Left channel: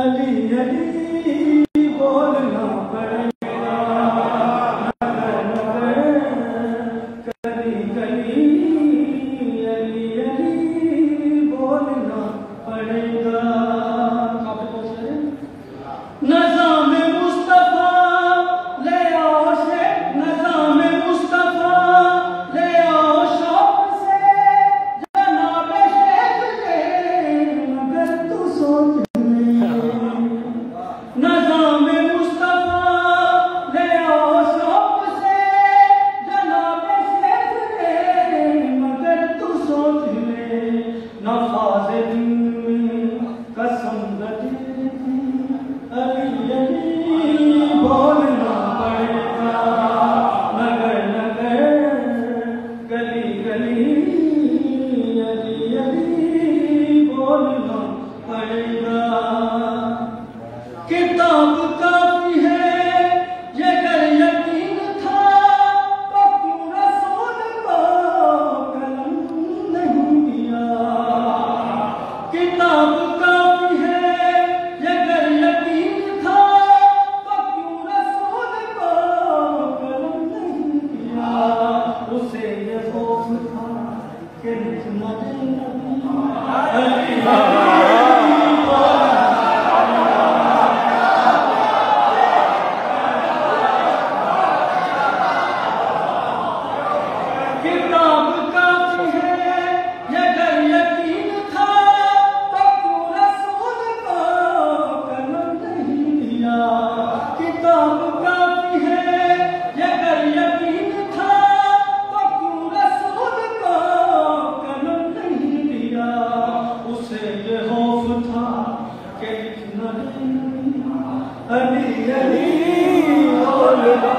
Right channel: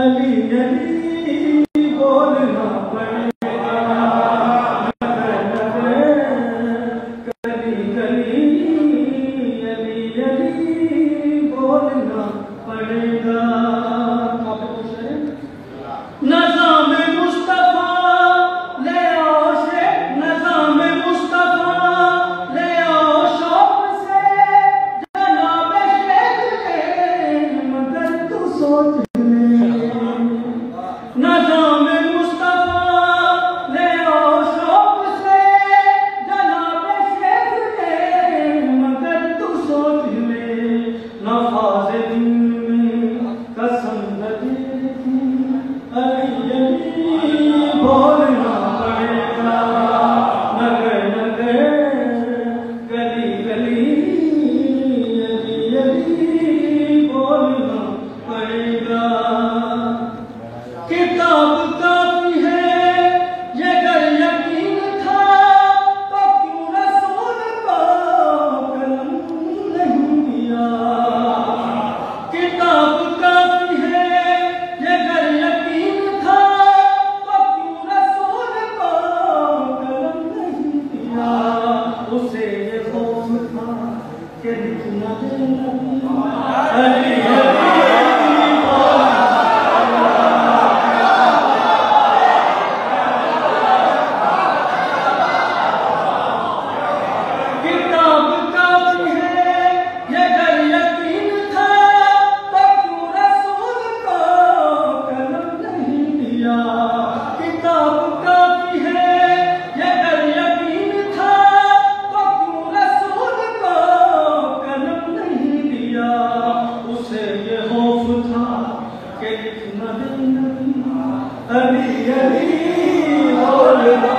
अली अली बोलना पड़ेगा, नगर नगर गली गली अली अली बोलना पड़ेगा। नज़ाम मुस्तफा ले आओ से, नज़ाम मुस्तफा ले आओ शौक से, जनाब शेख के मगर तू सोच ले। नज़ाम मुस्तफा ले आओ शौक से, जनाब शेख के मगर तू सोच ले। नफाज़ दिन में कसम लगेगी, अली अली बोलना पड़ेगा, नगर नगर गली गली अली अली बोलना पड़ेगा। किताब काफी है ये अगर यकीन था, तो क्यों रसूल को कलम नहीं दिया। किताब काफी है ये अगर यकीन था, तो क्यों रसूल को कलम नहीं दिया। उसे ये खौफ था कि लिखना अली किताब काफी है ये अगर यकीन था, तो क्यों रसूल को कलम नहीं दिया। किताब काफी है ये अगर यकीन था, तो क्यों रसूल को कलम नहीं दिया। उसे ये खौफ था कि लिखना नहीं, अली अली बोलना।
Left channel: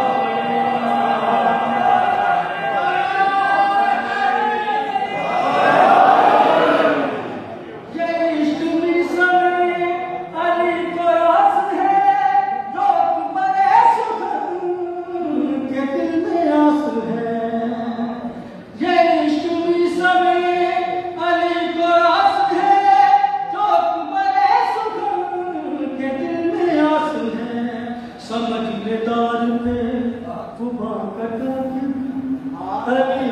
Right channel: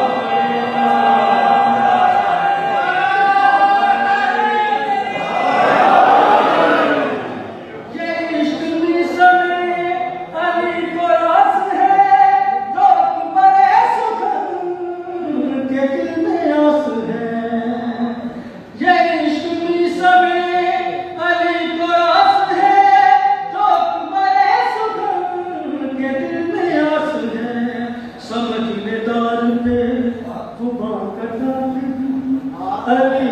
समझदार पे खुबा कटा अली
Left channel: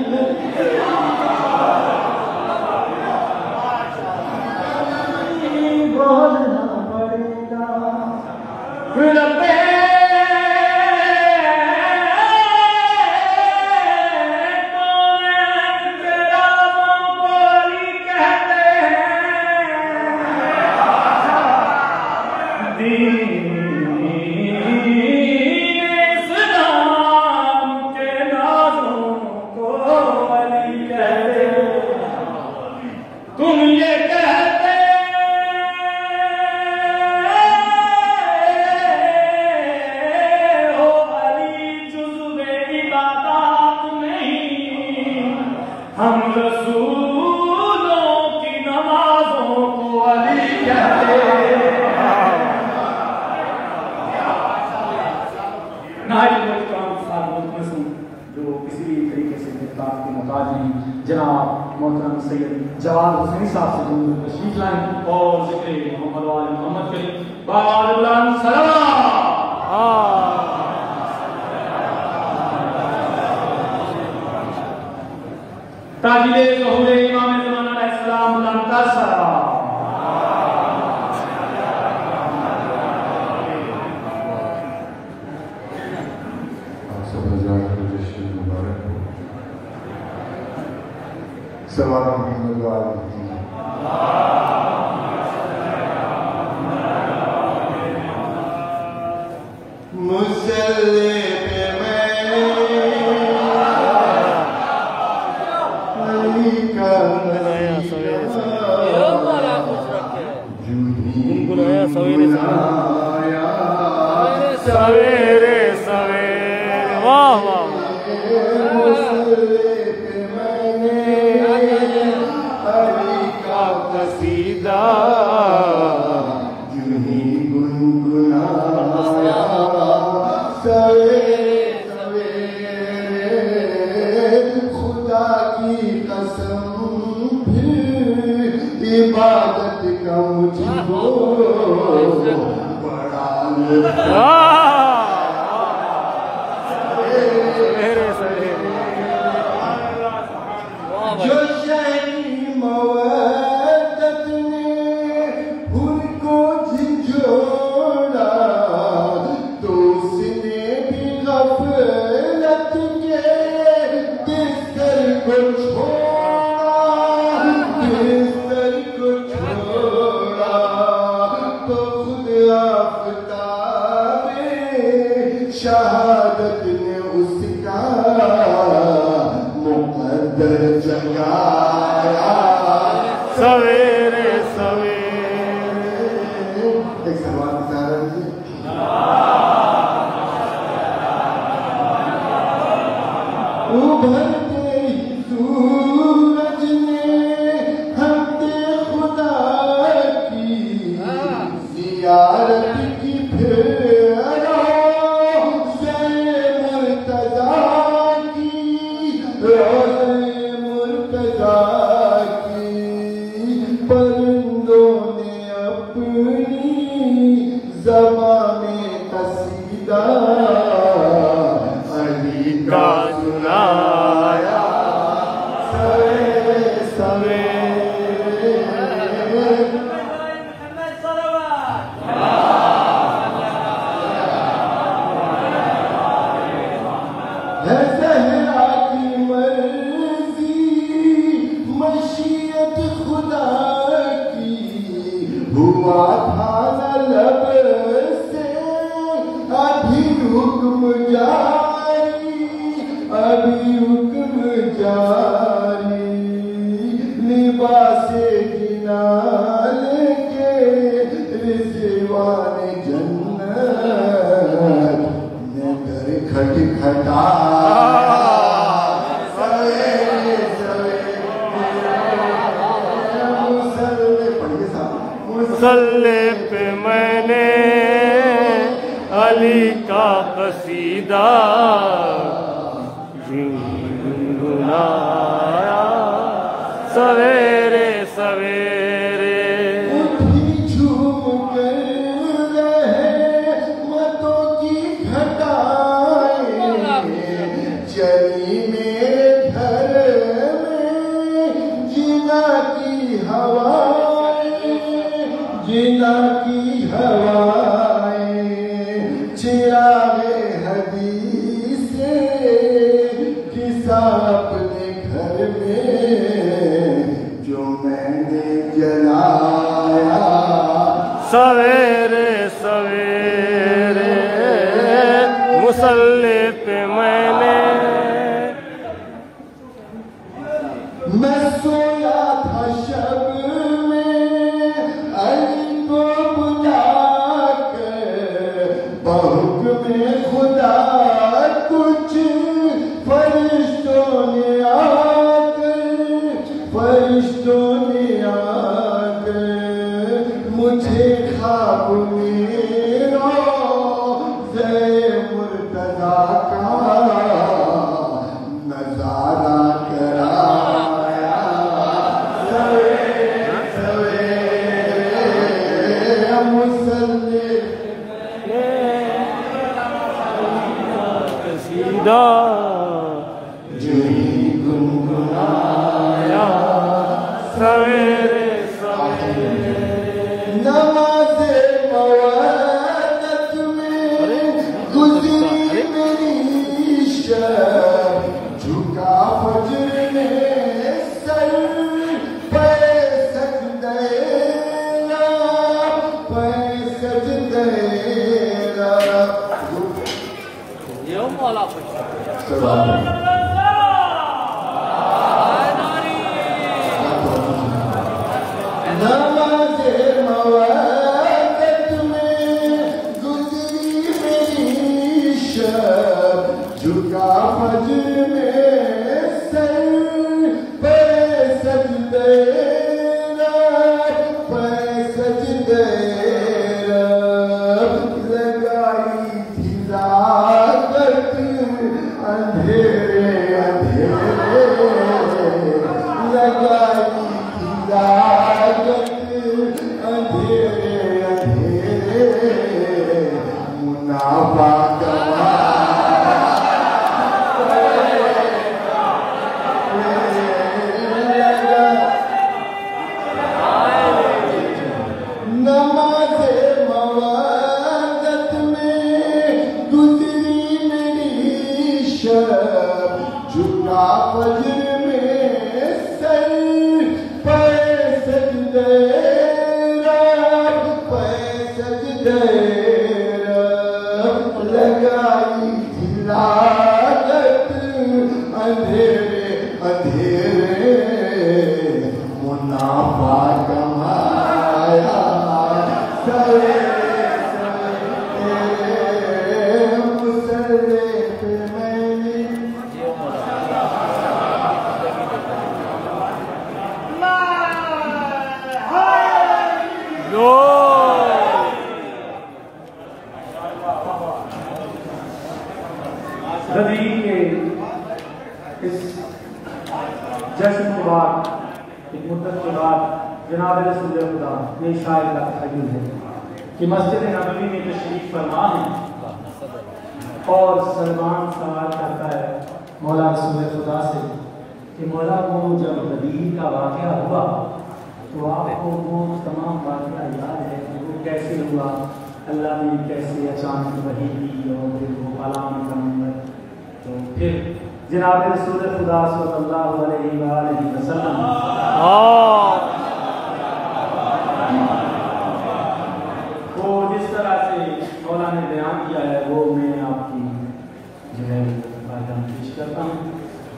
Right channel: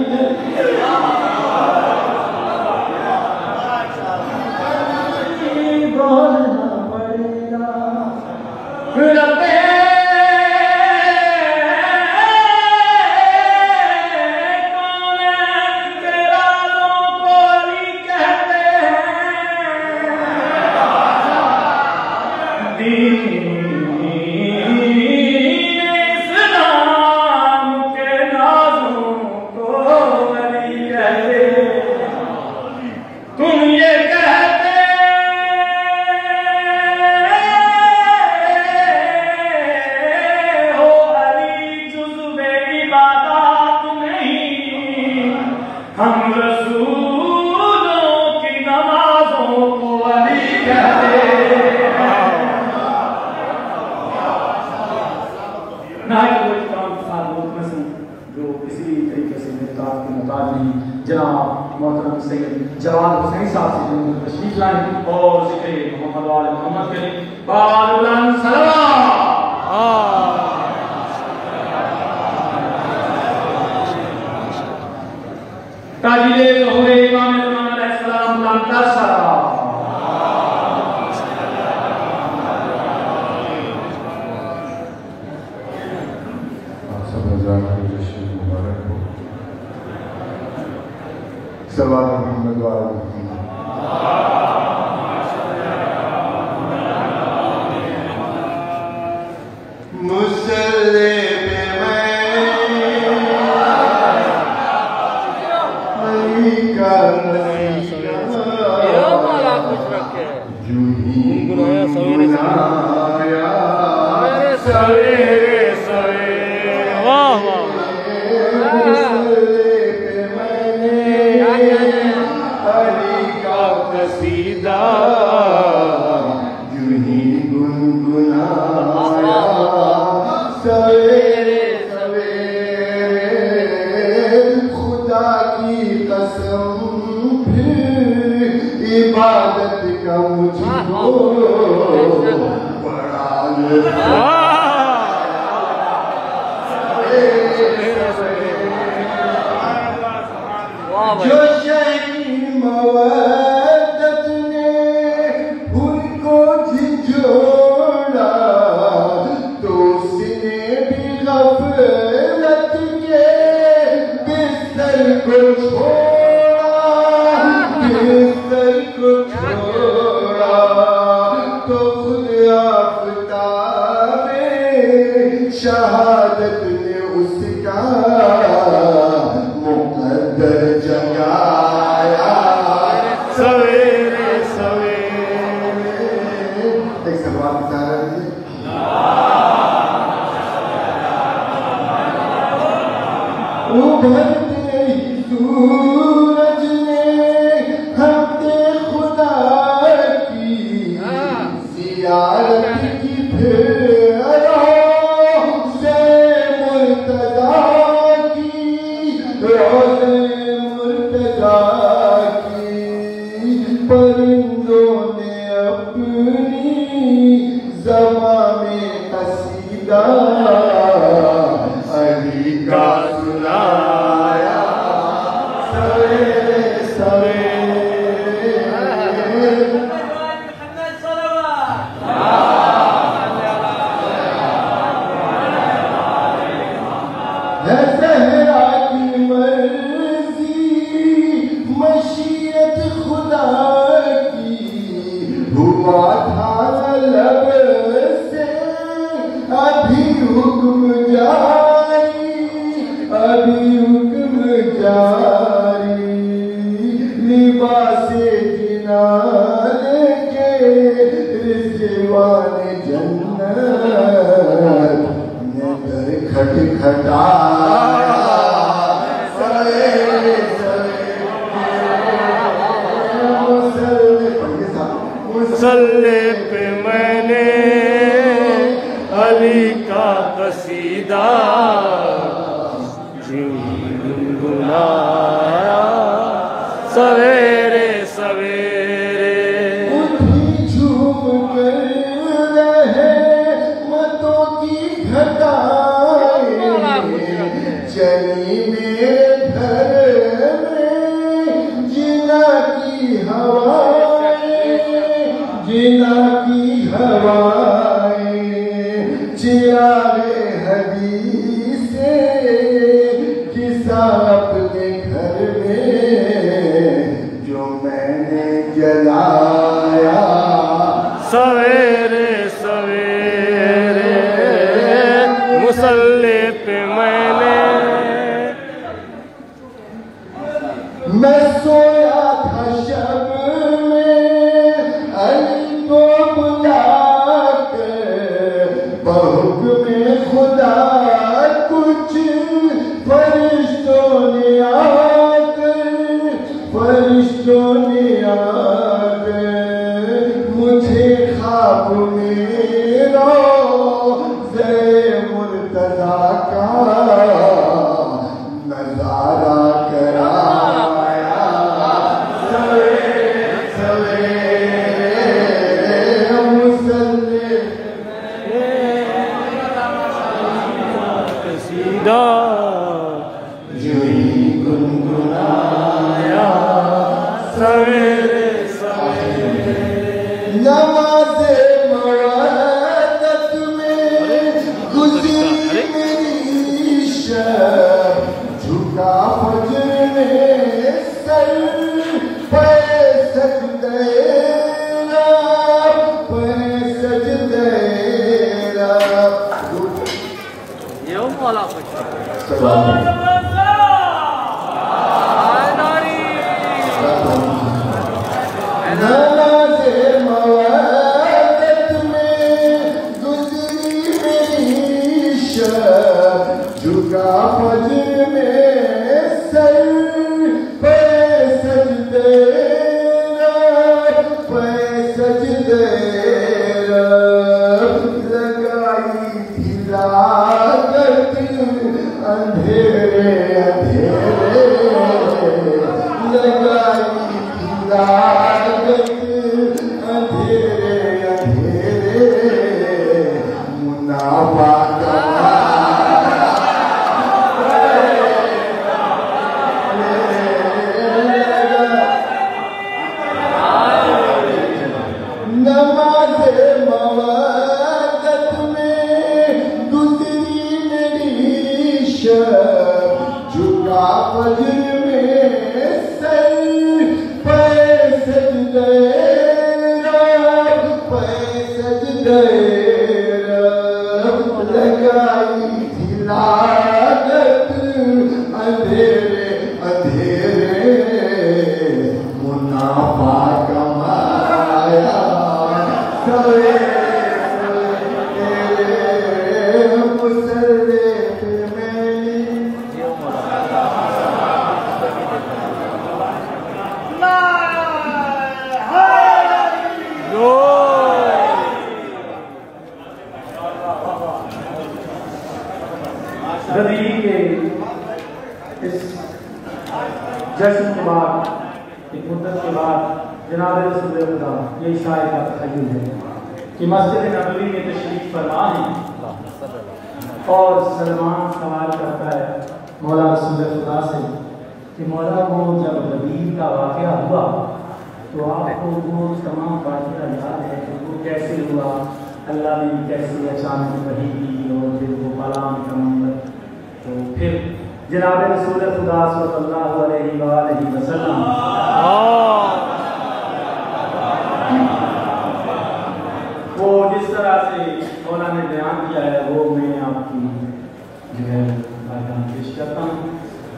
बोलना पड़ेगा। रब्बे तुम ये कहते हो अली जुज़्वे इबादत नहीं, हम रसूलों की नमाजों को अली कहते। जो किसी तरीके से निर्धार के मुताबिक नहीं, जनाब मोहतरम सैयद जवाद हुसैन साहब से जिन्होंने तशरीफ लाए और जिक्र मोहम्मद वाले मोहम्मद के लिए बारुलन सलाम। ताजिले ज़हूर इमाम ज़मान अलैहिस्सलाम का सलाम। सलाम मोहम्मद वाले मुसल्ले पे मैं अली का जूही गुनाया सवेरे सवेरे। वाह वाह। कसीदा जूही गुनगुनाया सवेरे सवेरे। खुदा की कसम फिर इबादत का मुझको जो शही मवद्दत ने उनको झिझोड़ा तो उसने भी गफलत के बिस्तर को छोड़ा, बिस्तर को छोड़ा तो खुद आफताबे शहादत ने उसका मुकद्दर जगाया सवेरे सवेरे। एक सलवार बता रहे उभरते ही सूरज ने हमसे खुदा की जियारत की फिर मुर्तजा की मुर्तजा की परिंदों ने अपनी ज़बां में कसीदा अली का सुनाया सवेरे सवेरे। है सहरा की मर्जी मशीयत खुदा की हुआ था लब से अभी हुक्म जारी, अभी हुक्म जारी लिबासे जिनाल के रिज़वान जन्नत ने घर खटखटाया सवेरे मुसल्ले पे मैंने अली का कसीदा गुनगुनाया सवेरे सवेरे। उठी झूम कर रहे मतों की घटाएं चली मेरे घर में जिना की हवाएं, जिना की हवाएं चिरागे हदीस से किसा अपने घर में जो मैंने जलाया सवेरे सवेरे मुसल्ले पे मैंने मैं सोया था शब में अली को बुलाकर बहुक्म खुदा कुछ फरिश्तों ने आकर मुझे ख्वाब में रोज़े मुर्तज़ा का नजारा कराया सवेरे सवेरे मुसल्ले कसीदा जुई गुनगुनाया सवेरे सवेरे। नमाज़े मवादत में गुज़री मेरी शब झुका फजर में सर पे सजदे ये वाला नमाज़े मवादत में गुज़री मेरी शब झुका फजर में सर पे सजदे लगाई थी लागत अंधेरे अंधेरे लगाई थी लागत अंधेरे अंधेरे लगाई थी लागत अंधेरे अंधेरे मुनाफा कमाया सवेरे सवेरे मुसल्ले पे मैंने गदरी के इस जश्न के बाद एक मुद्दत के बाद जनाब रसूल खुदा ये शायर का तखय्युल है कि मस्जिद नबवी में तशरीफ फरमा है और सलमान सवाल करता है मौला रसूल खुदा से कि मौला वो जब गदीर का वाक़या हुआ तो आपको वो तमाम वाक़या याद है कि वो कैसे हुआ, अल्लाह ने कैसे अचानक वही की और फिर वो कलाम का नंबर। तो फिर जनाब रसूल खुदा सल्लल्लाहु अलैहि वसल्लम वो जिस तरह से मौला ने बयान किया है वो मैं आपकी जो है बयान पेश करता हूँ।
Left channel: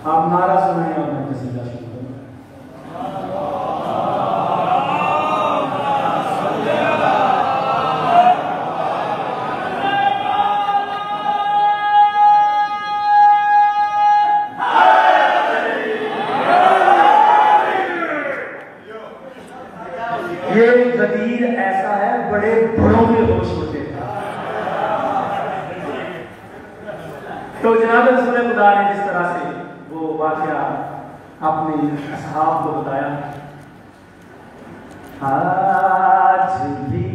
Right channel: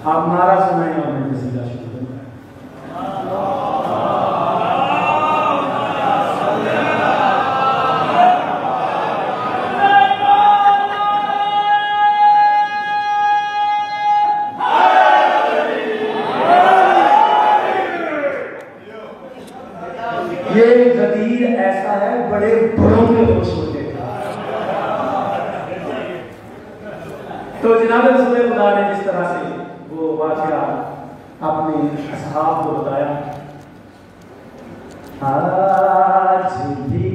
आप नारा सुनाएं और मैं कसीदा शुरू करूँ। ये गदीर ऐसा है, बड़े बड़ों के होश होते थे। तो जनाब रसूल खुदा ने जिस तरह से वो वाक़या अपने असहाब को बताया, आज भी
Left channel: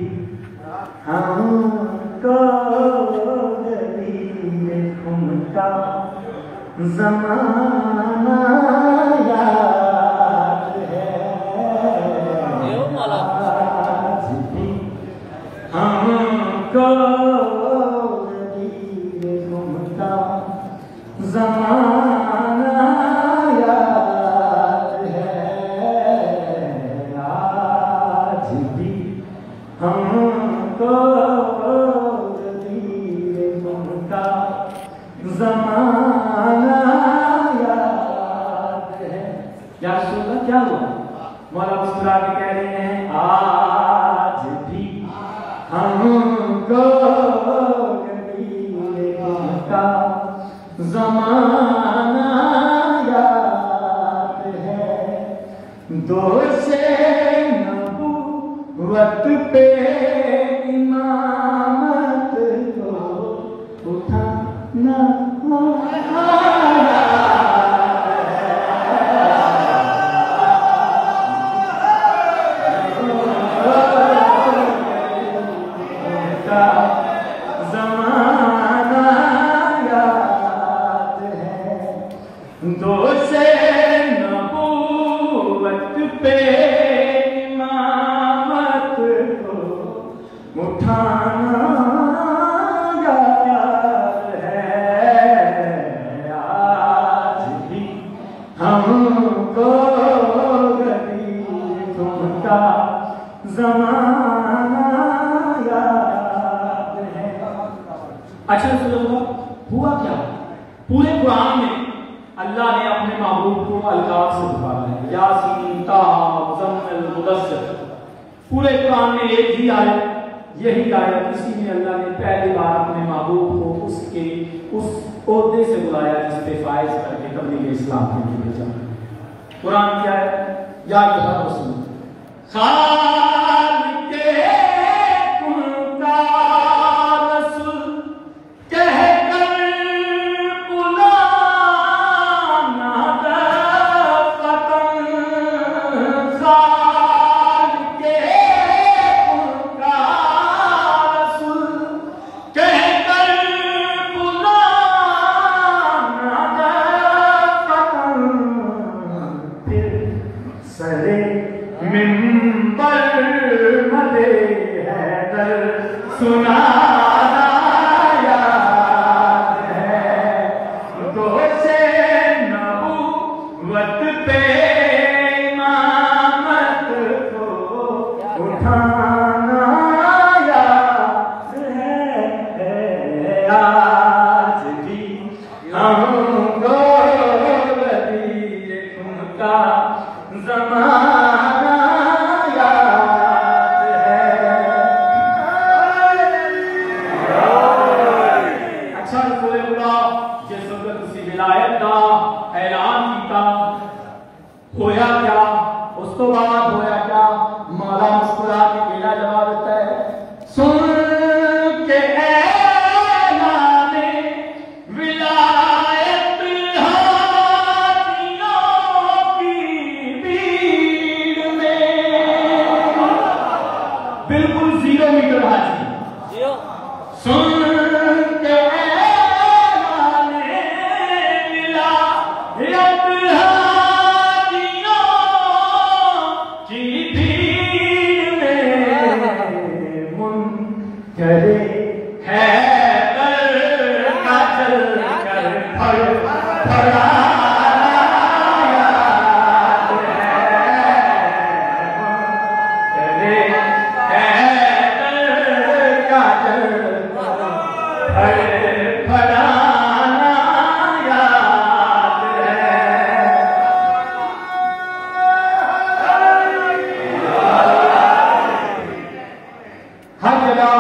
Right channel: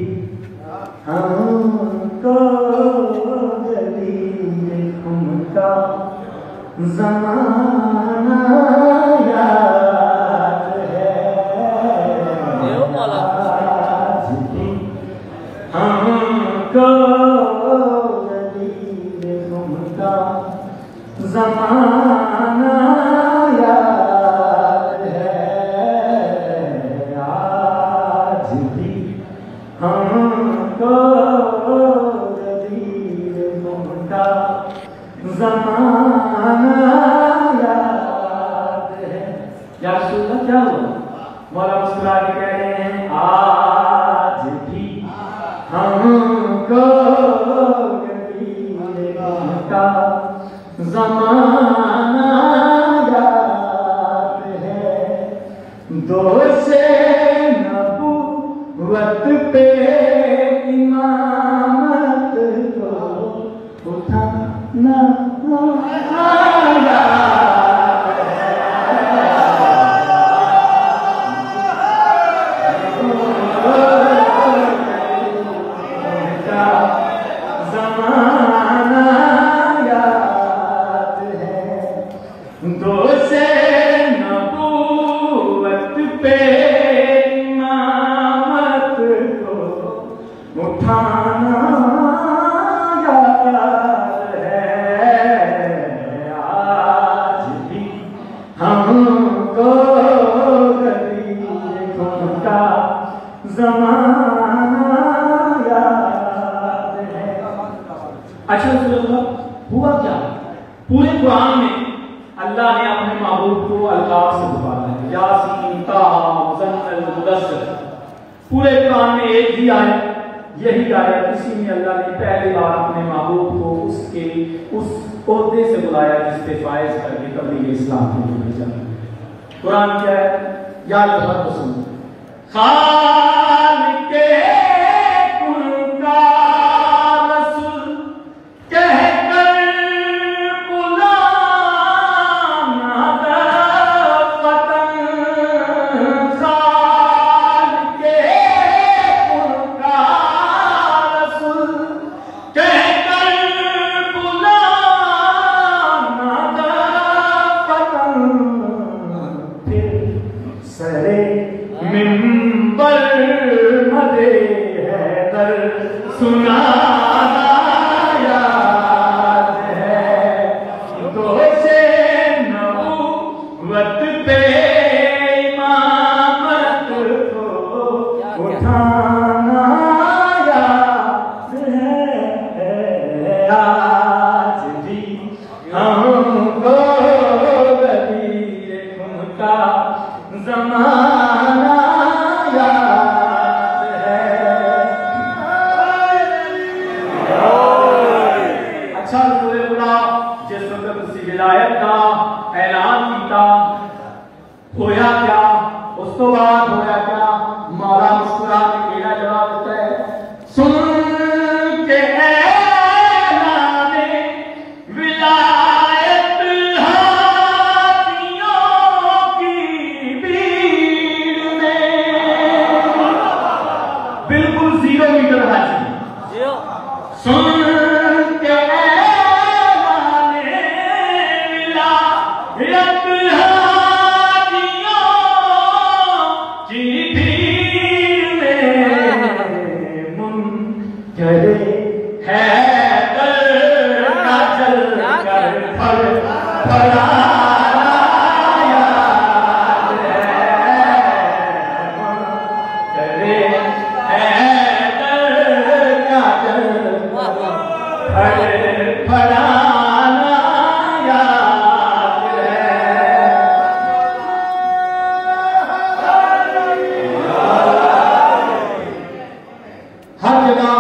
हमको गदीर उनका ज़माना याद है, हमको गदीर उनका ज़माना याद है, आज भी हमको गदीर उनका ज़माना याद है। या रसूल अल्लाह क्या हुआ? मौला मुस्कुरा के कह रहे हैं आज भी हमको गदीर उनका ज़माना याद है, दोषे नबूवत पे इमामत को उठाना दोषे नबूवत पे इमामत को उठाना याद है, आज भी हमको गदीर उनका ज़माना याद है। अच्छा हुआ क्या? पूरे कुरान में अल्लाह ने अपने महबूब को अलकाब से पुकारा है, यासीन ताहा मुज़म्मिल मुदस्सिर। पूरे कुरान में एक ही आयत, यही आयत, इसी में अल्लाह ने पहली बार अपने महबूब को उसके उस ओहदे से बुलाया जिस पे फायज करके तबलीग इस्लाम के लिए भेजा। कुरान क्या है? याद रखो सुनो, खालिक़े कुल का रसूल कहकर बुलाना दफ़तन, खालिक़े कुल का रसूल कहकर बुलाना दफ़तन, फिर सरे मिंबर मदे हैदर सुनाना याद है, दोषे नबूवत पे इमामत को बात होया क्या? मौला मुस्कुरा के केड़ा जवाब देता है, सुन के ऐलाने विलायत हाथियों की भीड़ में, बिल्कुल 0 मीटर हाजी, सुन के ऐलाने विलायत करे है दर का जल कर फड़ाया करे है दर का जल फड़ाना याद है। हर जगह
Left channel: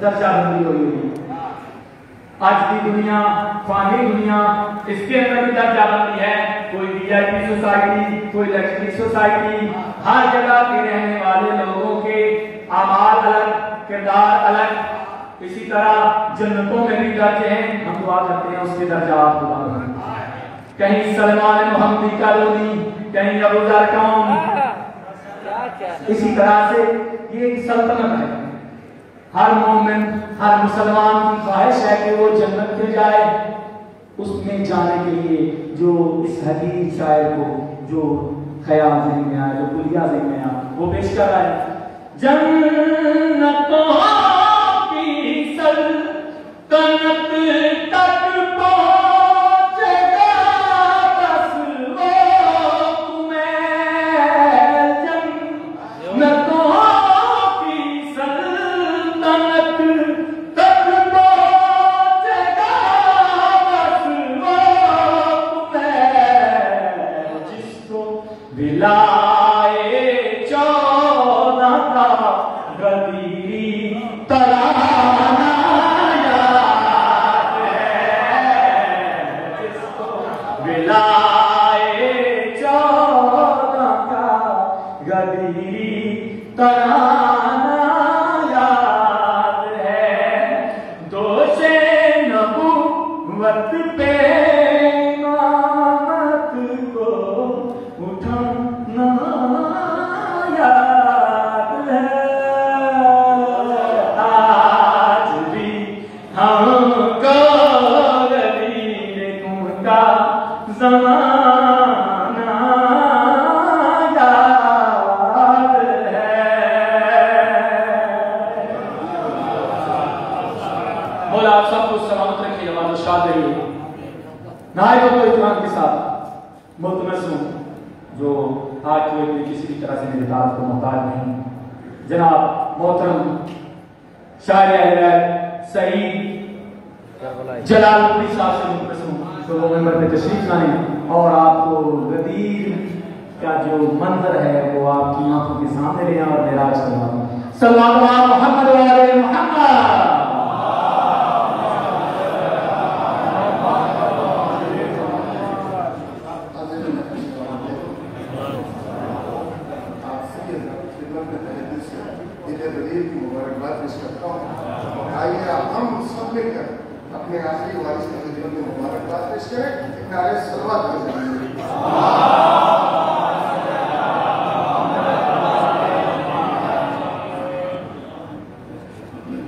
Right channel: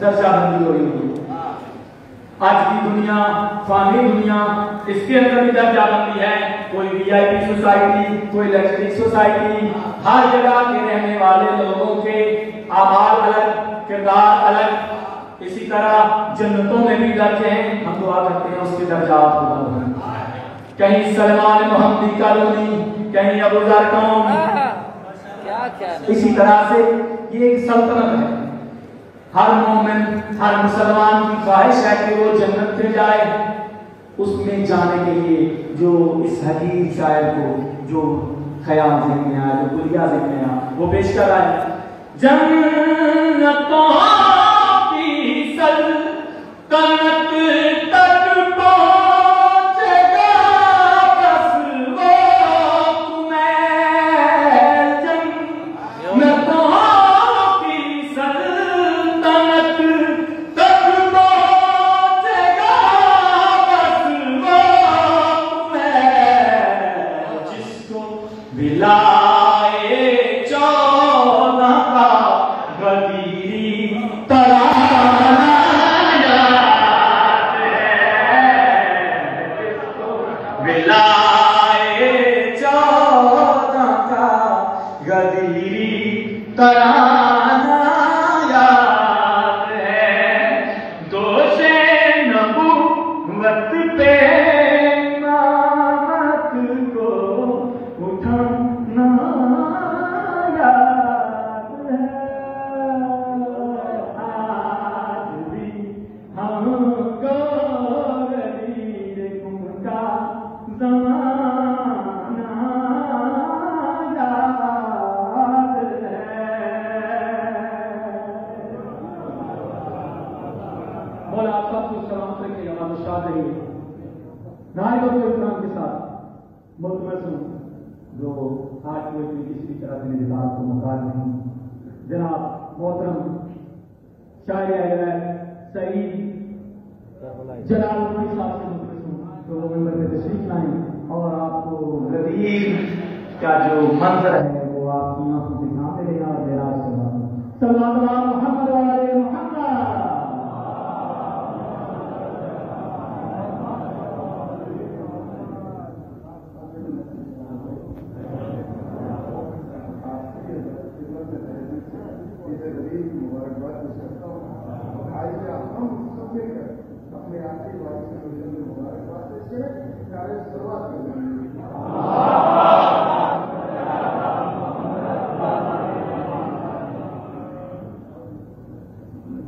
दर्जाबंदी हो रही है। आज की दुनिया, फानी दुनिया, इसके अंदर भी दर्जाबंदी है। कोई VIP सोसाइटी, कोई लग्जरी सोसाइटी, हर जगह के रहने वाले लोगों के आमाल अलग, किरदार अलग। इसी तरह जन्नतों में भी दर्जे हैं। हम दुआ करते हैं उसके दर्जात खुदा बढ़ाए। कहीं सलमान मोहम्मदी कॉलोनी, कहीं अबू जर टाउन। इसी तरह से ये एक सल्तनत है। हर मोमिन, हर मुसलमान की ख्वाहिश है कि वो जन्नत में जाए। उसमें जाने के लिए जो इस हकीम शायर को जो ख्याल ज़हन में आया, जो बुलिया ज़हन में आया, वो पेश कर रहा है। जन्नतों की सल्तनत तक पहुंचेगा बस वो तुम्हें, जन्नतों की सल्तनत तक पहुंचेगा बस वो तुम्हें, जिसको विलाए 14 का गदीरी तराना याद है, जिसको विलाए 14 का गदीरी तराना याद है। दोषे नबुव्वत पे इमामत को उठाना याद है। आज भी हमको गदीर उनका ज़माना याद है। मौला आप सबको सलामत रखे, नमाज़ शाद रहिए। नहाए तो इत्मीनान के साथ मुल्तमस हूँ जो आज कोई भी किसी भी तरह से मेरे दाद को मोहताज नहीं। जनाब मोहतरम शायर सईद जलालुद्दीन साहब से मुल्तमस हूँ तो वो मेंबर पे तशरीफ लाएं और आपको गदीर का जो मंजर है वो आपकी आंखों के सामने ले आए और मेराज करवा दें। सल्लल्लाहु अलैहि मोहम्मद व आले मोहम्मद। मुबारकबाद पेश करता हूँ। आइए हम सब मिलकर अपने आखिरी वारिस के खिदमत में मुबारकबाद पेश करें। एक नारे सलवात करें।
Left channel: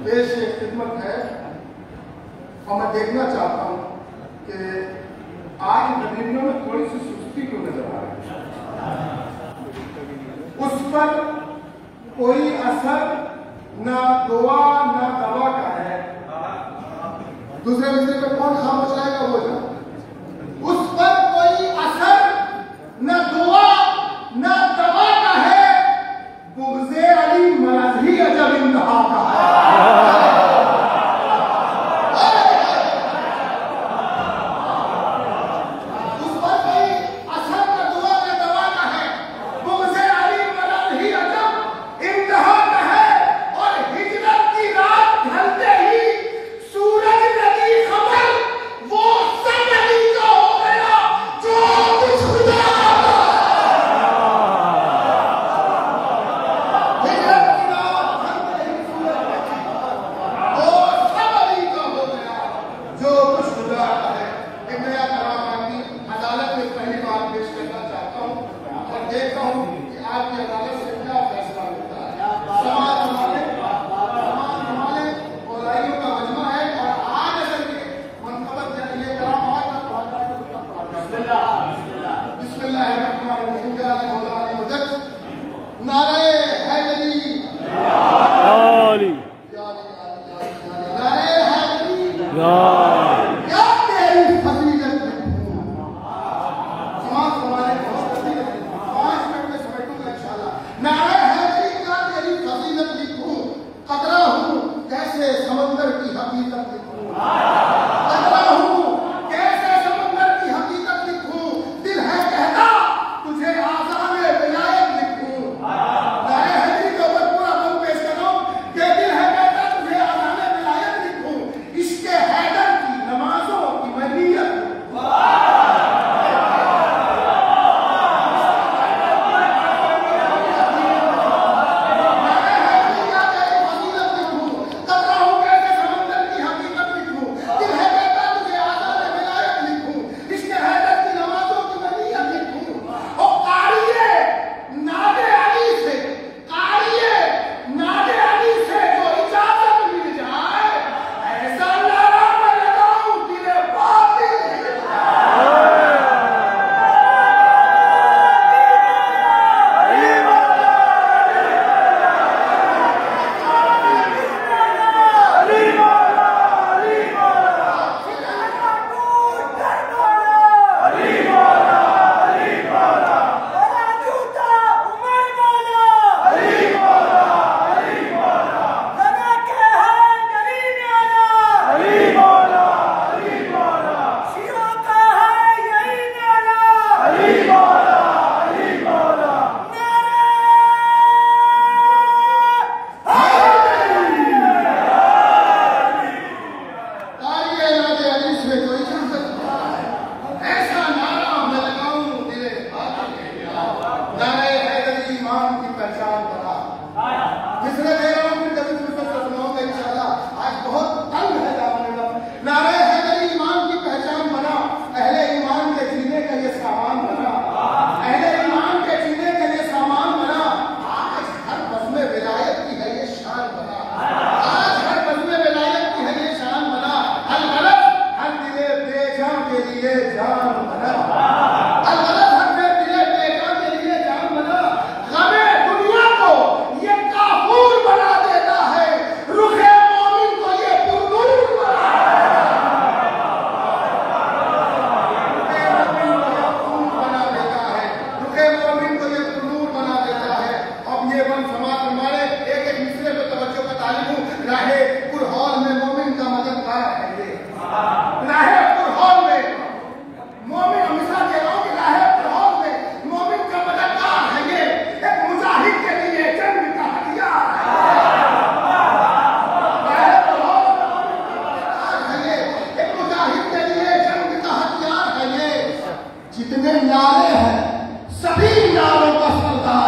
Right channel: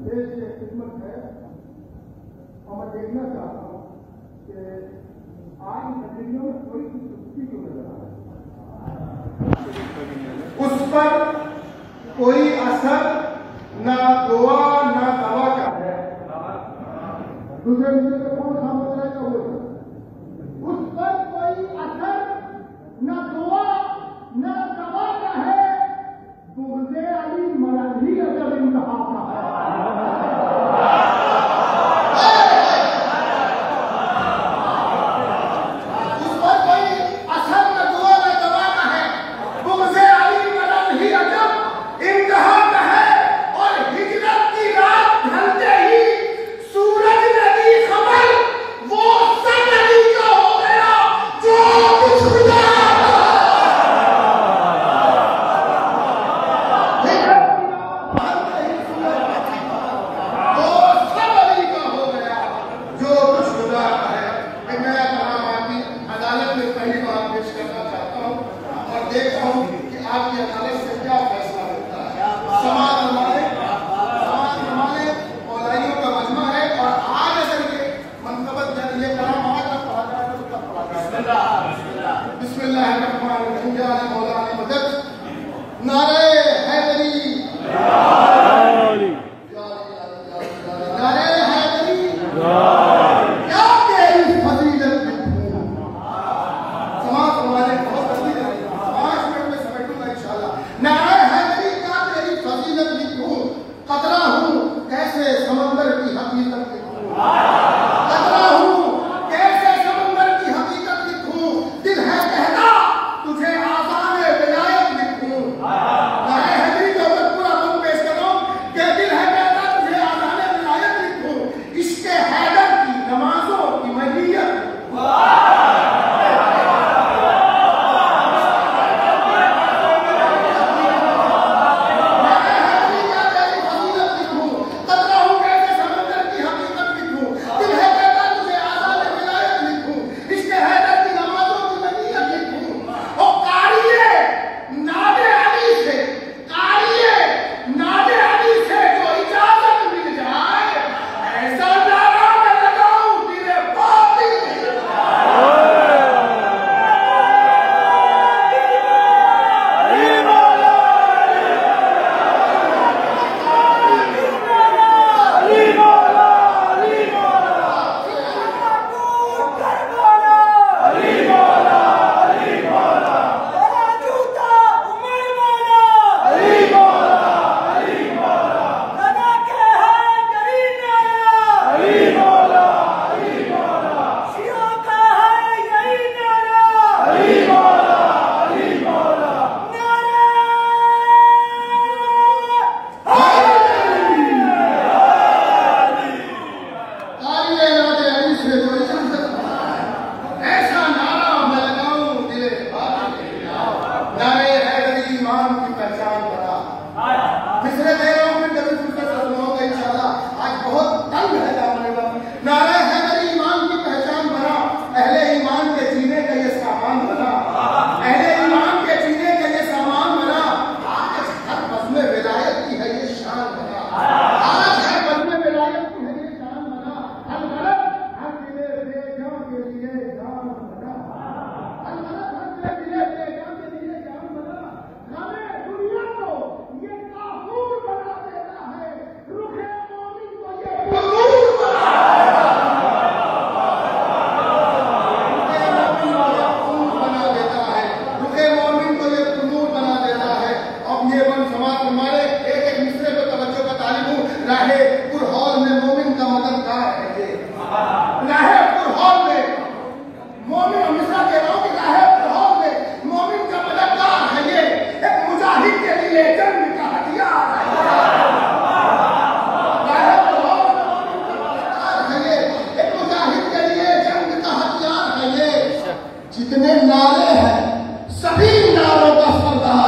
पेश ये खिदमत है और मैं देखना चाहता हूँ कि आज गरीबियों में थोड़ी सी सुस्ती क्यों नजर आ रही है। उस पर कोई असर ना दुआ ना दवा का है। दूसरे मिस्त्री पे कौन खामोश रहेगा वो जाने। उस पर कोई असर ना दुआ ना दवा का है। बुग़्ज़े अली मरज़ी अजब इंतहा का है। उस पर कोई असर ना दुआ ना दवा का है। बुग़्ज़े अली मरज़ी अजब इंतहा का है। और हिजरत की रात ढलते ही सूरज नदी खबर वो सब नारे हैदरी, जारी, नारे हैदरी, जारी। क्या तेरी फजीलत लिखूं। समाज हमारे बहुत जल्दी 5 मिनट में समेटूंगा इंशाल्लाह। नारे हैदरी, क्या तेरी फजीलत लिखूं, कतरा हूं कैसे समंदर की हकीकत लिखूं, कतरा हूं कैसे समंदर की हकीकत लिखूं, दिल है कहता तुझे आज़ाने विलायत लिखूं। नारे हैदरी के ऊपर पूरा बंद पेश करो कि दिल है कहता तुझे आज़ाने विलायत लिखूं, इश्क़ हैदर की नमाजों की महियत। मिसरे दे रहा हूं, फिर कभी फुर्सत से सुनाऊंगा इंशाल्लाह। आज बहुत तंग है दामन। नारे हैदरी ईमान की पहचान बना, अहले ईमान के जीने का ये सामान बना, अहले ईमान के जीने का ये सामान बना। आज हर बज़्म विलायत की है ये शान बना, आज हर बज़्म विलायत की है ये शान बना। अल गलत हर दिले बेजान के लिए जान बना, अल गलत हर दिले बेजान के लिए जान बना। गमे दुनिया को ये काफूर बना देता है, रुखे मोमिन को ये पुरनूर बना देता है, रुखे मोमिन को ये पुरनूर बना देता है। अब ये वन समाज हमारे एक एक मिसरे पे तवज्जो का तालिब हूँ। राहे पुरहौल में मोमिन का मददगार है ये, राहे पुरहौल में मोमिन मिसरा कह रहा हूँ कि राहे पुरहौल में मोमिन का मददगार है ये, एक मुजाहिद के लिए जंग का हथियार है ये, एक मुजाहिद के लिए जंग का हथियार है ये। जितने नारे हैं सभी नारों का सरदार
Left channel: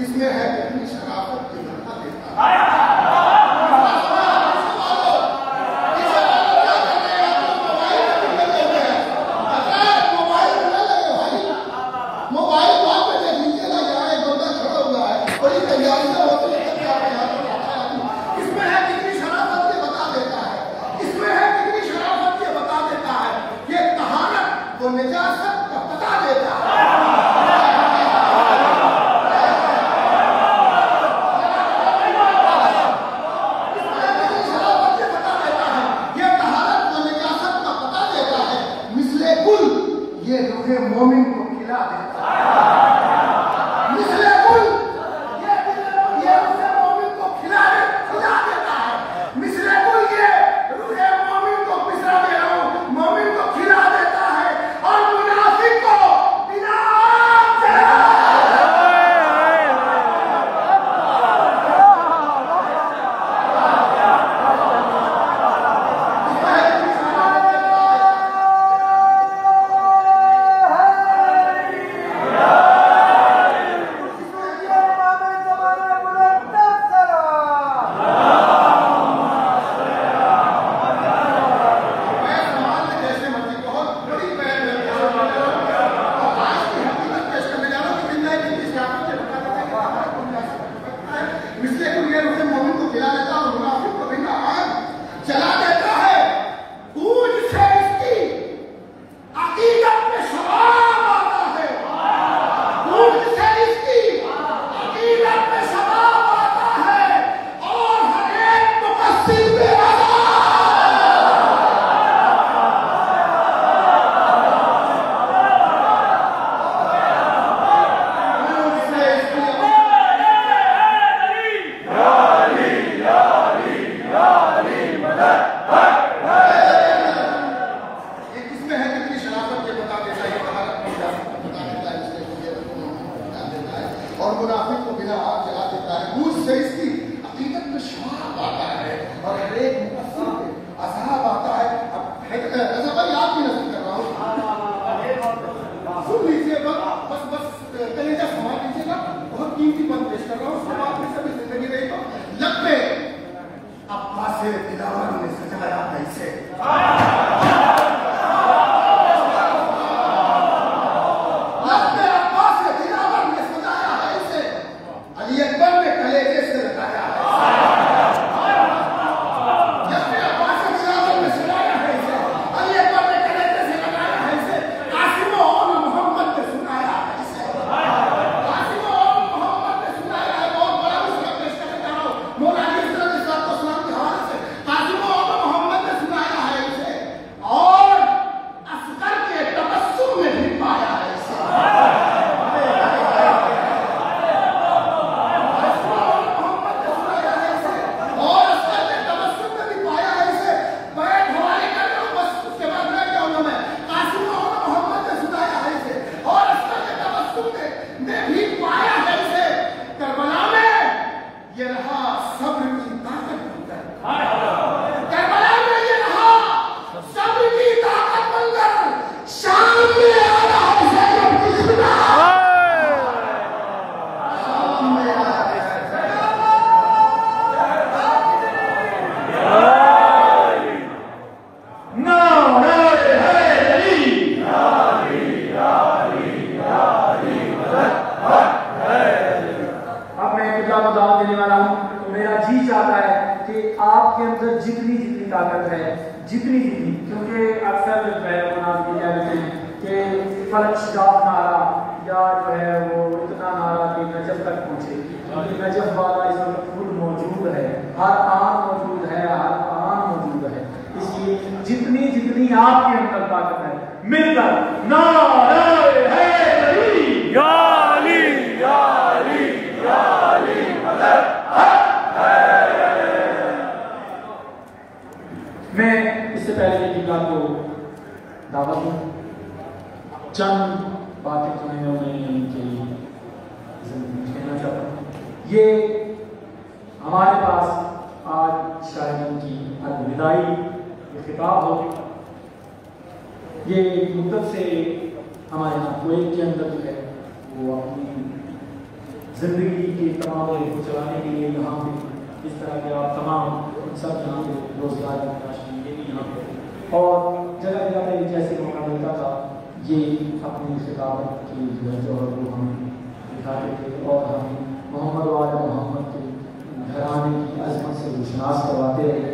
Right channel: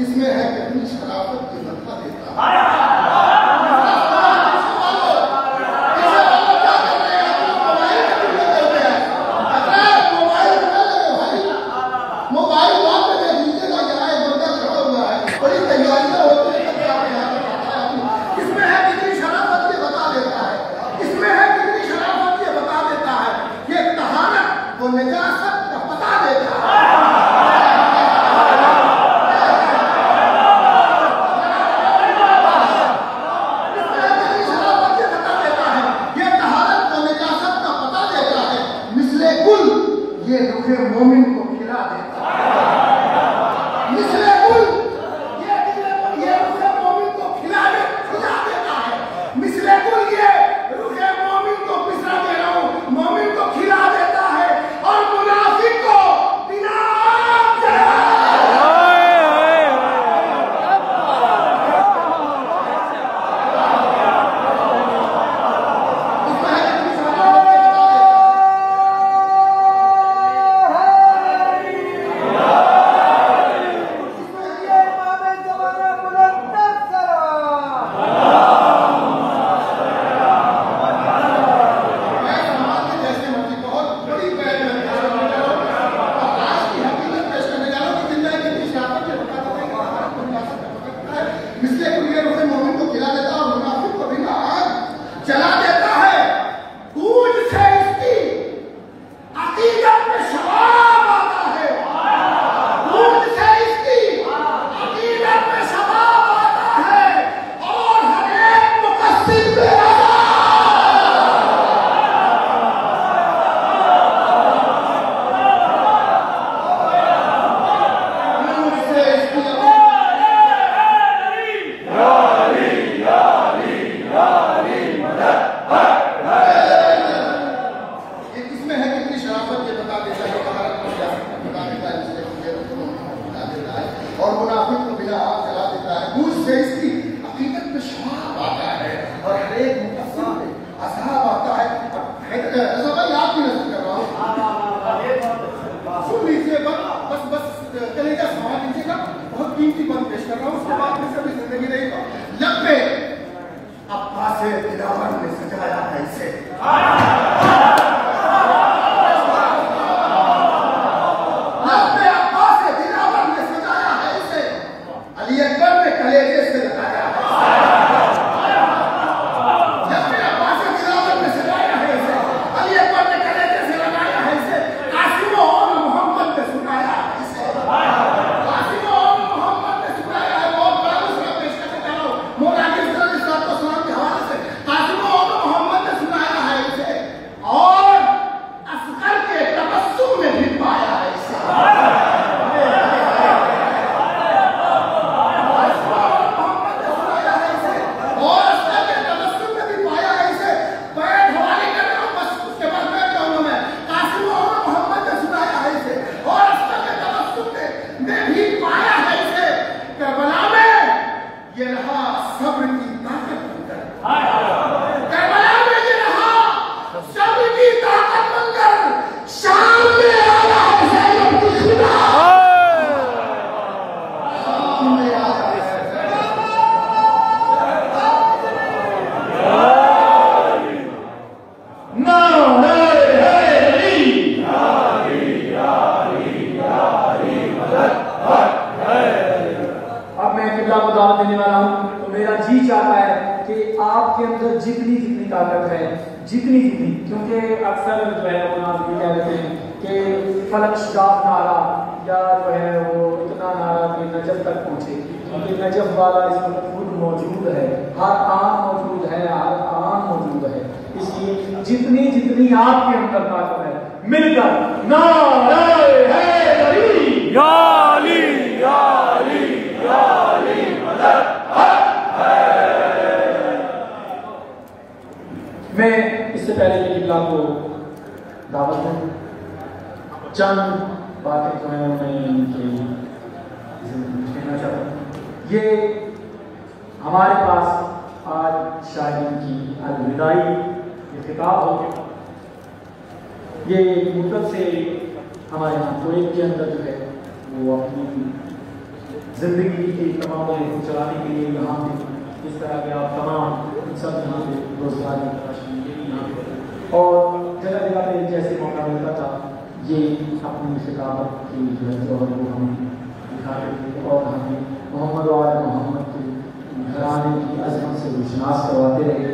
इसमें है कितनी शराफत की बता देता है। मोबाइल बात में देख लीजिएगा, यहाँ एक बंदा खड़ा हुआ है, बड़ी तैयारियां होती है। इसमें है कितनी शराफत ये बता देता है, इसमें है कितनी शराफत ये बता देता है, ये कहानत वो निजासत का पता देता है। और मुनाफिक को बिना आग जला देता है। मुझ से इसकी अकीदत में शवाब आता है और हर एक मुकद्दर पे अज़ाब आता है। अब ऐसा भाई आप भी नजर कर रहा हूँ, सुन लीजिए, बस बस कलेजा संभाल लीजिएगा। बहुत कीमती बंद पेश कर रहा हूँ, उसके बाद में सभी जिंदगी रहेगा। लब्बे अब्बास दिलावर ने सजाया है इसे, लब्बे अब्बास दिलावर ने सजाया है इसे, अली अकबर ने कलेजे से लगाया है, लब्बे अब्बास दिलावर ने सजाया है इसे, अली अकबर ने कलेजे से लगाया है इसे, कासिम और मोहम्मद ने सुनाया है इसे, कासिम और मोहम्मद ने सुनाया है। बहुत बड़ा उसका पेश करने जा रहा हूँ मौला के सलाम के हवाले से। कासिम और मोहम्मद ने सुनाया है इसे और असगर के तबस्सुम में भी पाया है इसे। ये रहा सब्र की ताकत बनकर, करबला में ये रहा सब्र की ताकत बनकर, शाम में आया है ज़ैनब की खुदा, शाम में आया है। को दावत देने वाला हूं, तो मेरा जी चाहता है कि आपके अंदर जितनी जितनी ताकत है, जितनी जितनी, क्योंकि अक्सर जो है वो नाम ये कहते हैं कि फलक शगाफ नारा या जो है वो इतना नारा कि नजफ तक पहुंचे, क्योंकि नजफ वाला इस वक्त खुद मौजूद है, हर आन मौजूद है, हर आन मौजूद है। इसलिए जितनी जितनी आपके अंदर ताकत है मिलकर नारे हैदरी या अली या अली या अली मदद है। मैं इससे पहले कि किबला को दावत दूं, चंद बातें जो है मैं कहना चाहता हूँ। ये हमारे पास आज शायरी की अलविदाई ये किताब हो, ये मुद्दत से हमारे कुवैत के अंदर जो है वो अपनी जिंदगी की तमाम को चलाने के लिए यहाँ पे इस तरह के आप तमाम सब यहाँ पे रोजगार की तलाश में ये भी यहाँ पे और जगह जगह पे जैसे मौका मिलता था ये अपनी किताबत की जो है वो हम दिखाते थे और हमें मोहम्मद वाले मोहम्मद के घराने की अजमत से रुशनास करवाते रहे।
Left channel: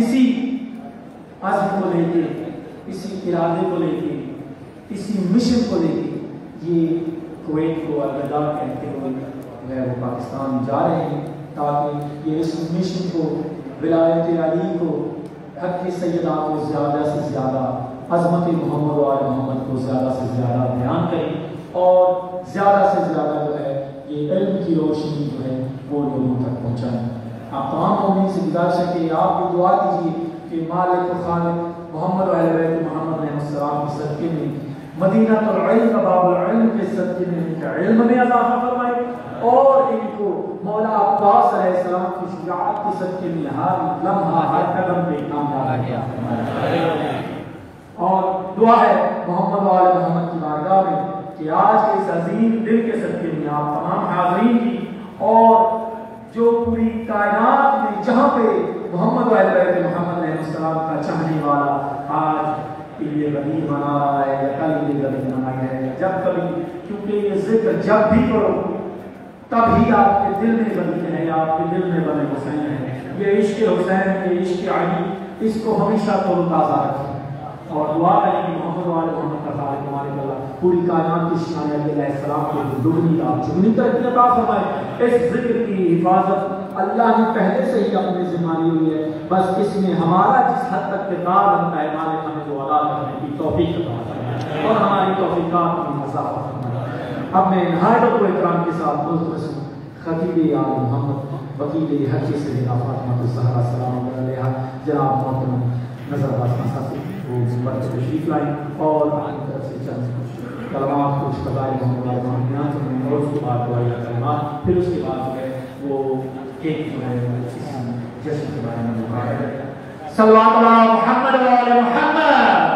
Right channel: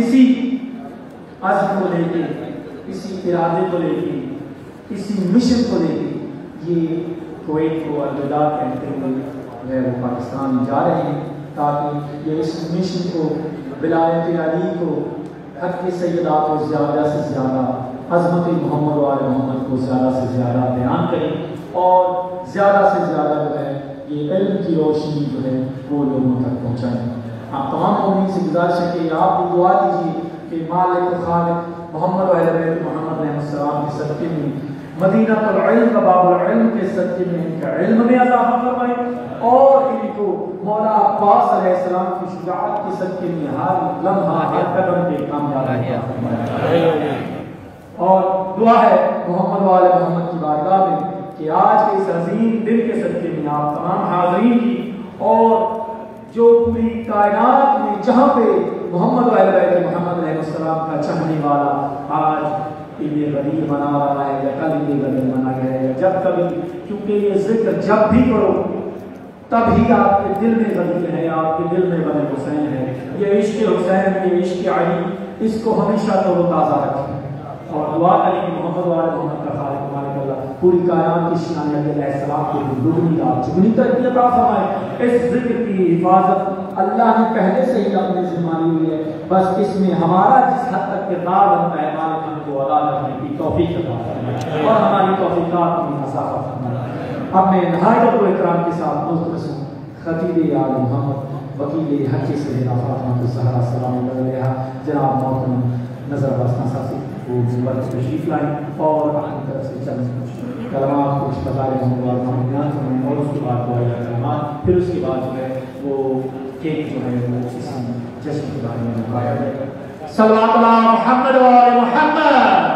इसी अज़्म को लेके, इसी इरादे को लेके, इसी मिशन को लेके ये कुवैत को अलविदा कहते हुए वह वो पाकिस्तान जा रहे हैं, ताकि ये इस मिशन को विलायत अली को हक की सैयदा को ज़्यादा से ज़्यादा अज़मत मोहम्मद वाले मोहम्मद को ज़्यादा से ज़्यादा बयान करें और ज़्यादा से ज़्यादा जो है ये इल्म की रोशनी जो है वो लोगों तक पहुँचाएँ। आप तमाम मोमिनीन से गुजारिश है कि आप भी दुआ कीजिए कि मालिक खालिक मोहम्मद वाले बैत मोहम्मद अलैहिस्सलाम के सदक़े में मदीना तुल इल्म बाबुल इल्म के सदक़े में इनका इल्म में इज़ाफ़ा फरमाए और इनको मौला अब्बास अलैहिस्सलाम की शुजाअत के सदक़े में हर लम्हा हर कदम पे कामयाबी फरमाए। और दुआ है मोहम्मद वाले मोहम्मद की बारगाह में कि आज के इस अजीम दिन के सदक़े में आप तमाम हाज़रीन की और जो पूरी कायनात में जहाँ पे मोहम्मद वाले बैत मोहम्मद अलैहिस्सलाम का चाहने वाला आज ईद गदीर मना रहा है या कल ईद गदीर मनाया है या जब कभी, क्योंकि ये जिक्र जब भी करो तभी आपके दिल में गदीर है, आपके दिल में बने हुसैन है। ये इश्क हुसैन, ये इश्क अली, इसको हमेशा तरोताज़ा रखें और दुआ करें कि मोहम्मद वाले मोहम्मद का खालिक मालिक अल्लाह पूरी कायनात की शान अलैहिस्सलाम को दुगनी रात जुगनी तरक्की अता फरमाए। इस जिक्र की हिफाजत अल्लाह ने पहले से ही अपने ज़िम्मा ली हुई है, बस इसमें हमारा जिस हद तक किरदार बनता है मालिक हमें वो अदा करने की तौफीक अता फरमाए और हमारी तौफीकात में इज़ाफ़ा फरमाए। अब मैं नहायत और इकराम के साथ मुख्तसर खतीब आल मोहम्मद वकील हक़ सैयदा फ़ातिमा ज़हरा सलामुल्लाह अलैहा जनाब मोहतरम नज़र अब्बास साहब से वो तशरीफ़ लाएँ और अपनी तरफ से चंद कलमात कुछ बताए ध्यान से पढ़ें और उसके बाद दुआ कलमात, फिर उसके बाद जो है वो केक जो है वो इस जश्न के बारे में मुकाबला करें। सल्लल्लाहु अलैहि मोहम्मद व आले मोहम्मद।